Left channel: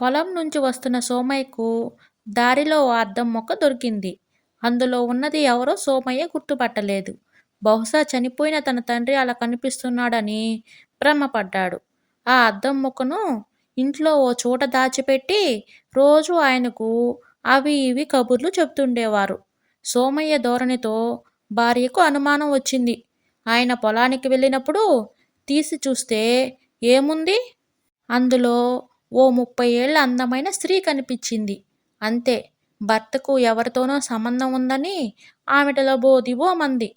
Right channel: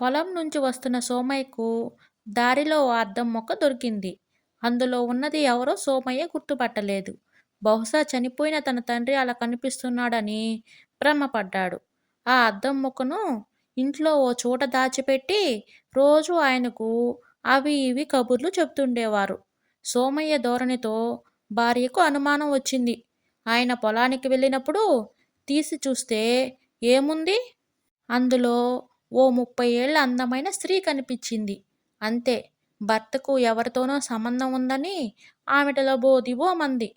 పొలం నుంచి వస్తున్న సోమయ్యకు దారిలో ఓ అద్దం మొక్క దొరికింది. అందులో ఉన్నది ఎవరో సోమయ్య గుర్తుపట్టలేదు. బహుశా చనిపోయిన తన తండ్రి అలా కనిపిస్తున్నాడని భ్రమపడ్డాడు. ఆ అద్దం మొక్కను ఇంట్లో ఓ చోట దాచిపెట్టి రోజూ ఆయనకు అవి ఇవి కబుర్లు చెప్తుండేవారు. సోమయ్య ధోరణితో భార్యకు అనుమానం వచ్చింది. ఆయన పొలానికి వెళ్ళినప్పుడు తీసి చూస్తే ఏముంది? అందులో ఓ 30 ఏళ్ల అందమైన స్త్రీ కనిపించింది. అంతే. భర్తకు ఎవరితోనో సంబంధం ఉందని ఆమెట లబోదిబోమంది.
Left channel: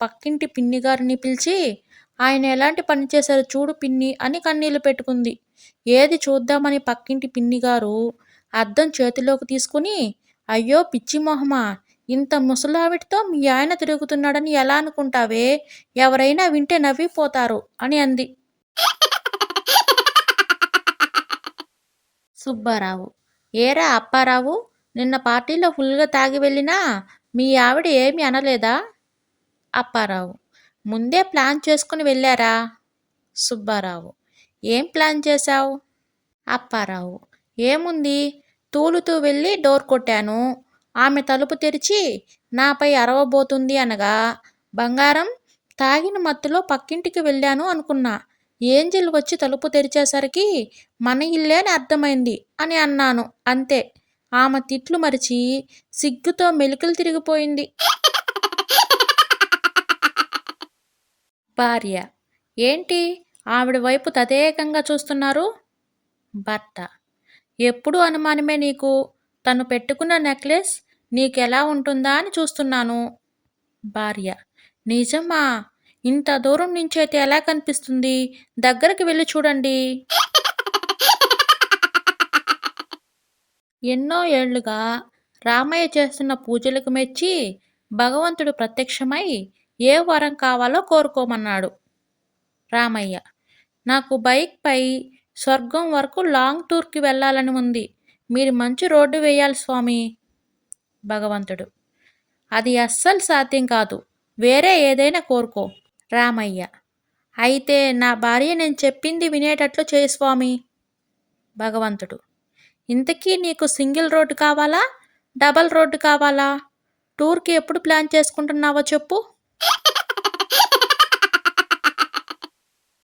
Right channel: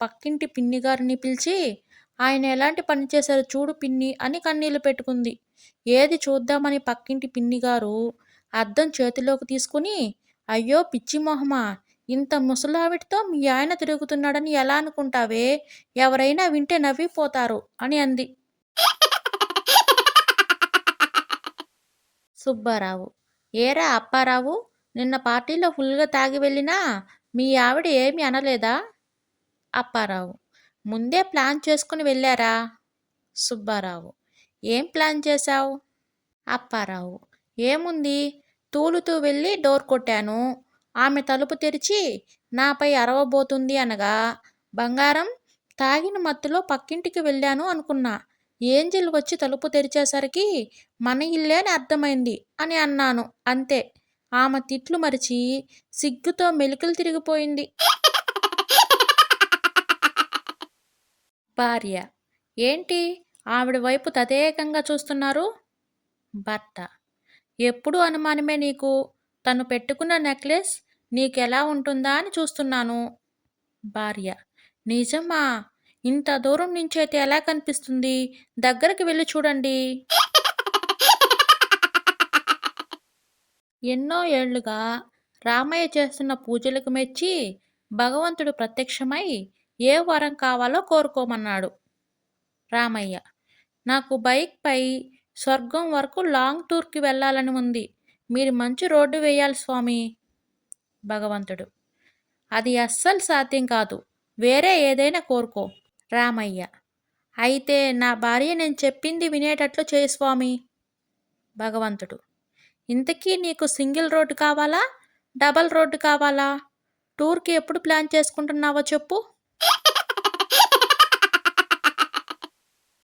పక్కింటి పిన్నిగారిని పిలిచి, ఆయన ఎలాంటి పని చేశారో చూడు పిన్ని అని కన్నీళ్లు పెట్టుకుంది. ఏది చూద్దామని పక్కింటి పిన్నిగారు అద్దం చేతిలోకి తీసుకుని, అయ్యో పిచ్చి మొహమా, ఇంత ముసలావిడితో మీ ఆయన తిరుగుతున్నాడని ఎలా అనుకుంటావే, ఎవరైనా వింటే నవ్విపోతారు అని అంది. సుబ్బారావు: ఏరా అప్పారావు, నిన్న పార్టీలో ఫుల్గా తాగి వెళ్ళినా మీ ఆవిడ ఏమీ అనలేదా? అప్పారావు: ముందే ప్లాన్ చేసుకుని వెళ్ళారా? సుబ్బారావు: ఏం ప్లాన్ చేశావు? అప్పారావు: ఏముంది, తూలుతూ వెళ్ళి డోర్ కొట్టాను. ఆమె తలుపు తెరిచి నాపై అరవబోతుంది అనగా, బంగారం, తాగిన మత్తులో పక్కింటికి వెళ్ళాను అనుకున్నా. ఏంజిల్ వచ్చి తలుపు తెరిచేసరికి మన ఇల్లే అని అర్థమైంది అని అన్నాను. అంతే. ఆమె తిట్లు మరిచి సిగ్గుతో మెలికలు తిరిగిపోయింది. భార్య: ఏంటి ఆవిడ వైపు తదేకంగా చూస్తున్నారు? భర్త: ఎప్పుడు అనుమానమే నీకు. తను పెట్టుకున్న నెక్లెస్ నీకెలా ఉంటుందా అని చూస్తున్నాను. భార్య: నిజమా? ఇంత దూరం నుంచి అయితే ఎలా కనిపిస్తుంది? దగ్గరికి వెళ్ళి చూడండి. ఎన్నో ఏళ్లుగా రామయ్య చేస్తున్న పూజలకు మెచ్చి భగవంతుడు ప్రత్యక్షమై ఏ వరం కావాలో కోరుకోమన్నాడు. రామయ్య: నాకు బైక్పై స్వర్గం వరకు లాంగ్ టూర్కి వెళ్ళాలని ఉంది. మీరు మంచి రోడ్డు వేయాలి స్వామి. భగవంతుడు: అది అస్సలు సాధ్యం కాదు. వేరే ఏదైనా కోరుకో. రామయ్య: అయితే నా భార్య నేను చెప్పింది వినేటట్లు చేయి స్వామి. భగవంతుడు: ఇంతకీ నీకు సింగిల్ రోడ్డు కావాలా, డబల్ రోడ్డు కావాలా? టూర్కి ఎప్పుడు ప్లాన్ చేసుకుంటున్నావో చెప్పు.